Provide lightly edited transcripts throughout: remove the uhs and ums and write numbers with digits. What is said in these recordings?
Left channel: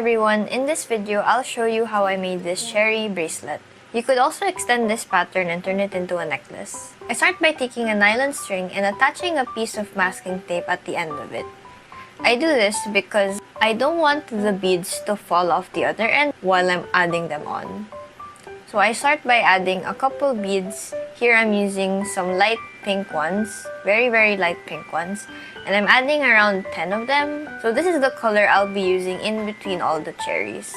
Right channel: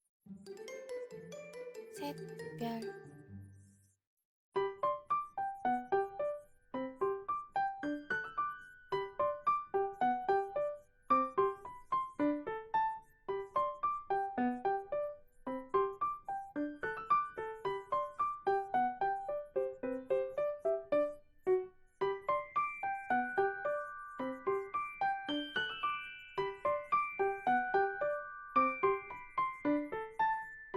everyone, in this video I'll show you how I made this cherry bracelet. You could also extend this pattern and turn it into a necklace. I start by taking a nylon string and attaching a piece of masking tape at the end of it. I do this because I don't want the beads to fall off the other end while I'm adding them on. So I start by adding a couple beads. Here I'm using some light pink ones, very light pink ones, and I'm adding around 10 of them. So this is the color I'll be using in between all the cherries.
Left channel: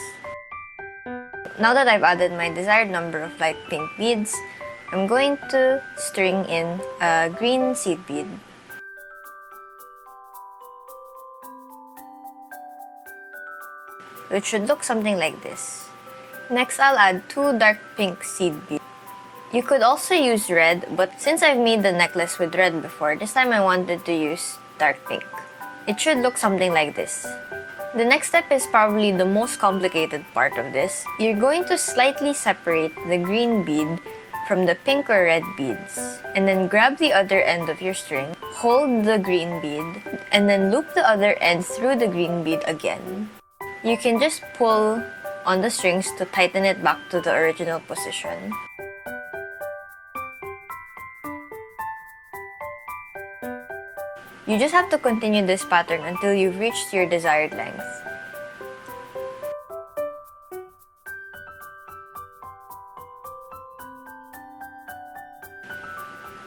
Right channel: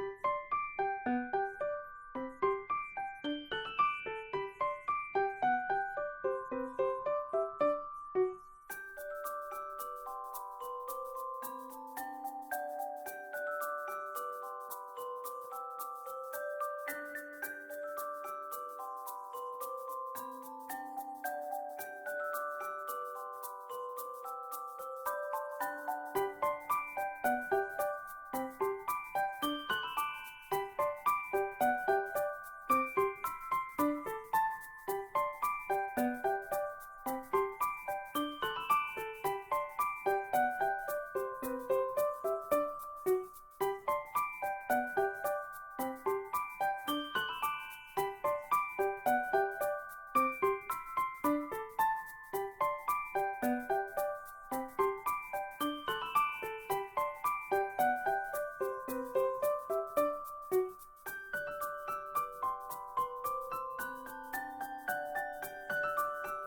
Now that I've added my desired number of light pink beads, I'm going to string in a green seed bead. It should look something like this. Next, I'll add 2 dark pink seed beads. You could also use red, but since I've made the necklace with red before, this time I wanted to use dark pink. It should look something like this. The next step is probably the most complicated part of this. You're going to slightly separate the green bead from the pink or red beads, and then grab the other end of your string, hold the green bead, and then loop the other end through the green bead again. You can just pull on the strings to tighten it back to the original position. You just have to continue this pattern until you've reached your desired length.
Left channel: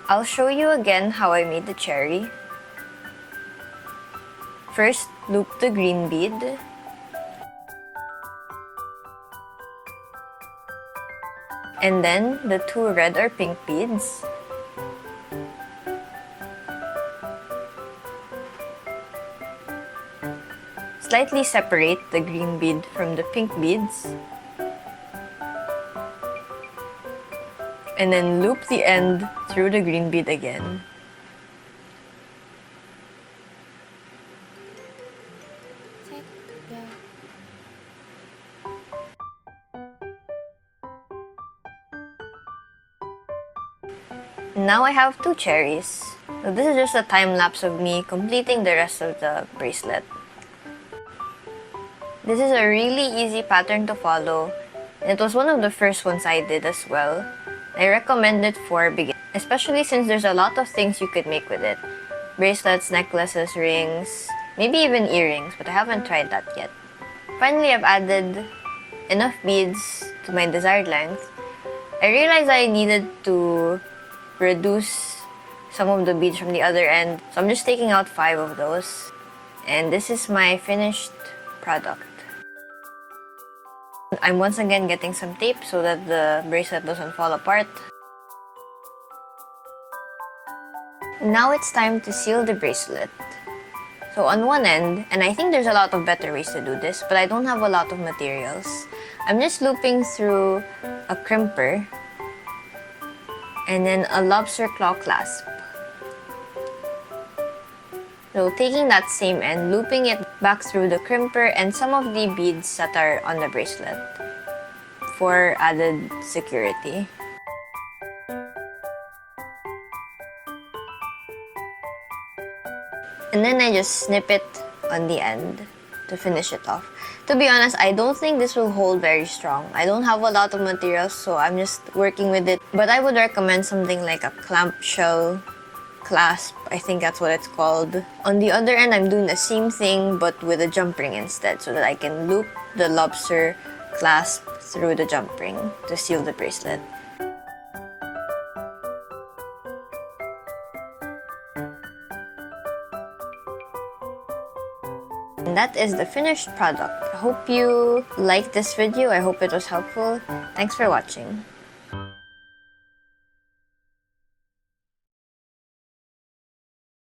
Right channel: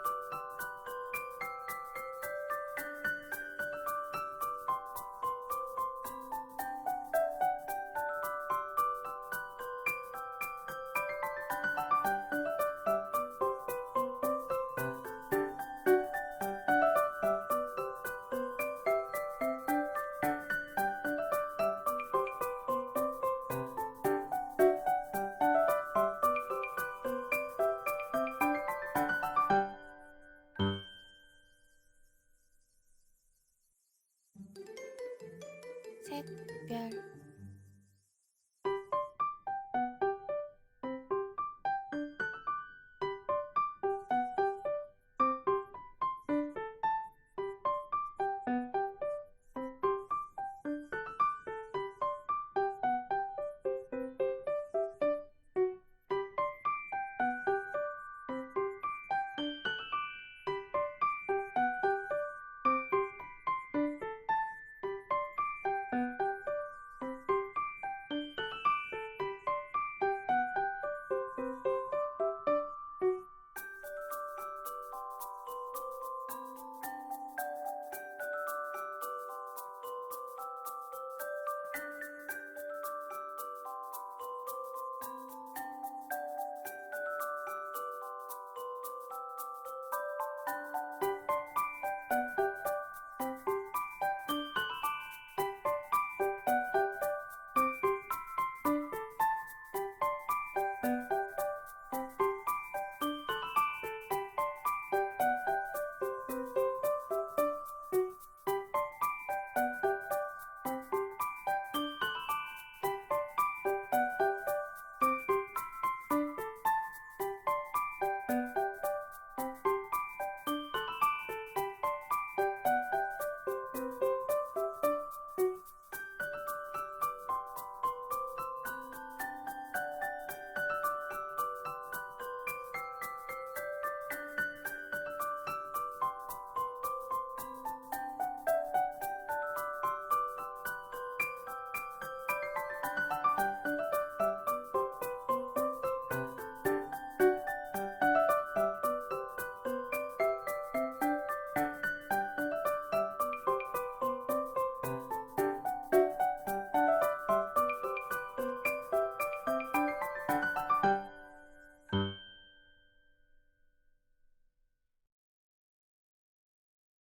I'll show you again how I made the cherry. First, loop the green bead. And then the 2 red or pink beads. Slightly separate the green bead from the pink beads. And then loop the end through the green bead again. Now I have 2 cherries. So this is just a time lapse of me completing the rest of the bracelet. This is a really easy pattern to follow. It was one of the first ones I did as well. I recommend it for beginners, especially since there's a lot of things you could make with it. Bracelets, necklaces, rings, maybe even earrings, but I haven't tried that yet. Finally, I've added enough beads to my desired length. I realized I needed to reduce some of the beads from the other end, so I'm just taking out 5 of those. And this is my finished product. I'm once again getting some tape so that the bracelet doesn't fall apart. Now it's time to seal the bracelet. So on one end, and I think there's a lot of better ways to do this, but I don't have a lot of materials, I'm just looping through a crimper and then a lobster claw clasp. So taking that same end, looping it back through the crimper and some of the beads that are on the bracelet for added security. And then I just snip it on the end to finish it off. To be honest, I don't think this will hold very strong. I don't have a lot of materials, so I'm just working with it. But I would recommend something like a clamshell clasp, I think that's what it's called. On the other end, I'm doing the same thing but with a jump ring instead, so that I can loop the lobster clasp through the jump ring to seal the bracelet. And that is the finished product. I hope you liked this video. I hope it was helpful. Thanks for watching.